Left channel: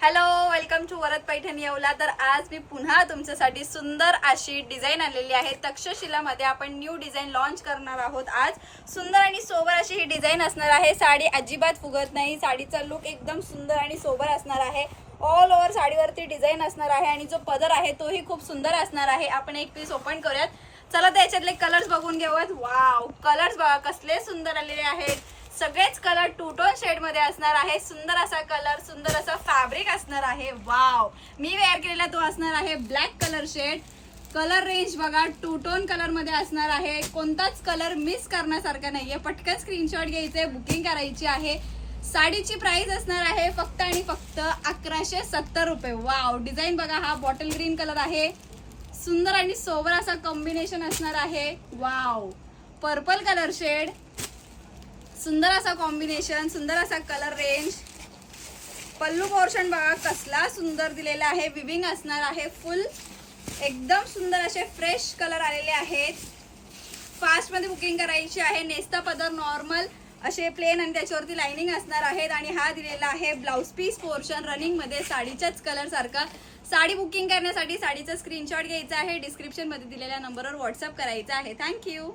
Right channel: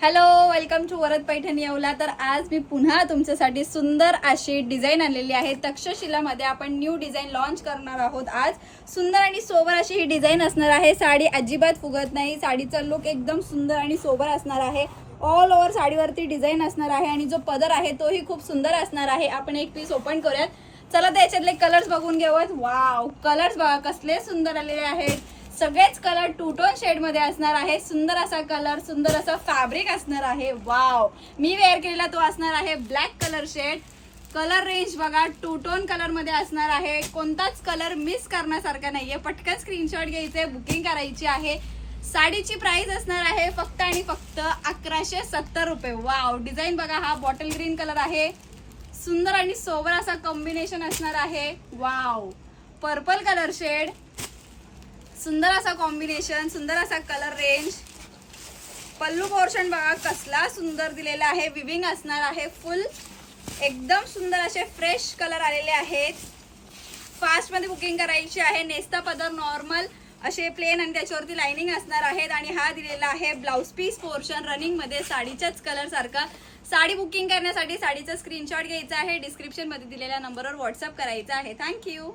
Hello, welcome to Varad Paithani Yeola. तर आज मी पुन्हा तुमच्यासाठी सुंदर अशी डिझाईन आणलेली आहे। तक्षशिलामध्ये आपण न्यू डिझाईन लॉन्च करणार आहोत। आज सुंदर आणि सोबर अशी ही डिझाईन असणार आहे। साडी अजिबात फुगत नाही, साडीचा लुक एकदम सुंदर आणि सोबर असणार आहे। ऑल ओव्हर साडीवरती डिझाईन असणार आहे आणि जो पदर आहे तोही खूप सुंदर असणार आहे। आपण एक पीस ओपन करूयात, चला त्याच्यातले कलर्स बघून घेऊयात। वाव, कलर्स बघा कसले सुंदर आलेले आहेत। सगळेच कलर टू टोन शेड मध्ये असणार आहे। सुंदर असा कलर, सुंदर असा फॅब्रिक असणार आहे। वाव, मी वेअर केलेला तो असणार आहे black colour shade. Colour range बघा टू टोन कलर मध्ये असणार आहे। कोणताच कलर मिस करण्यासारखा नाहीये। पटकन स्क्रीनशॉट घ्यायचे, बुकिंग करायची आहे। साडीची प्राइस असणार आहे फक्त आणि फक्त 1170 रुपये। वाव, डिझाईन बघा, हा बॉटल ग्रीन कलर आहे। सुंदर आणि सोबर असा कॉम्बिनेशन असणार आहे। वाव, पर्पल कलर शेड, सुंदर असा कॉम्बिनेशन, सुंदर असा कलर रेंज। पल्लू पोर्शन बघा कसला सुंदर दिलेला आहे। विविंग असणार आहे फुल, एकदम सुंदर असे फ्रेश कलर आलेले आहेत। फास्ट मध्ये बुकिंग करायची आहे। नेस्ता पदर नॉर्मल असे प्लेन आणि त्याच्यावरती लाइनिंग असणार आहेत। आणि हा दिलेला आहे ब्लाउज पीस पोर्शन रनिंग मध्ये साडीच्याच कलर सारखा। साडी बुकिंग करण्यासाठी साडीचा स्क्रीनशॉट घ्यायचा आहे, डिस्क्रिप्शन मध्ये दिलेल्या नंबरवर व्हॉट्सअप करायचा आहे। थँक्यू।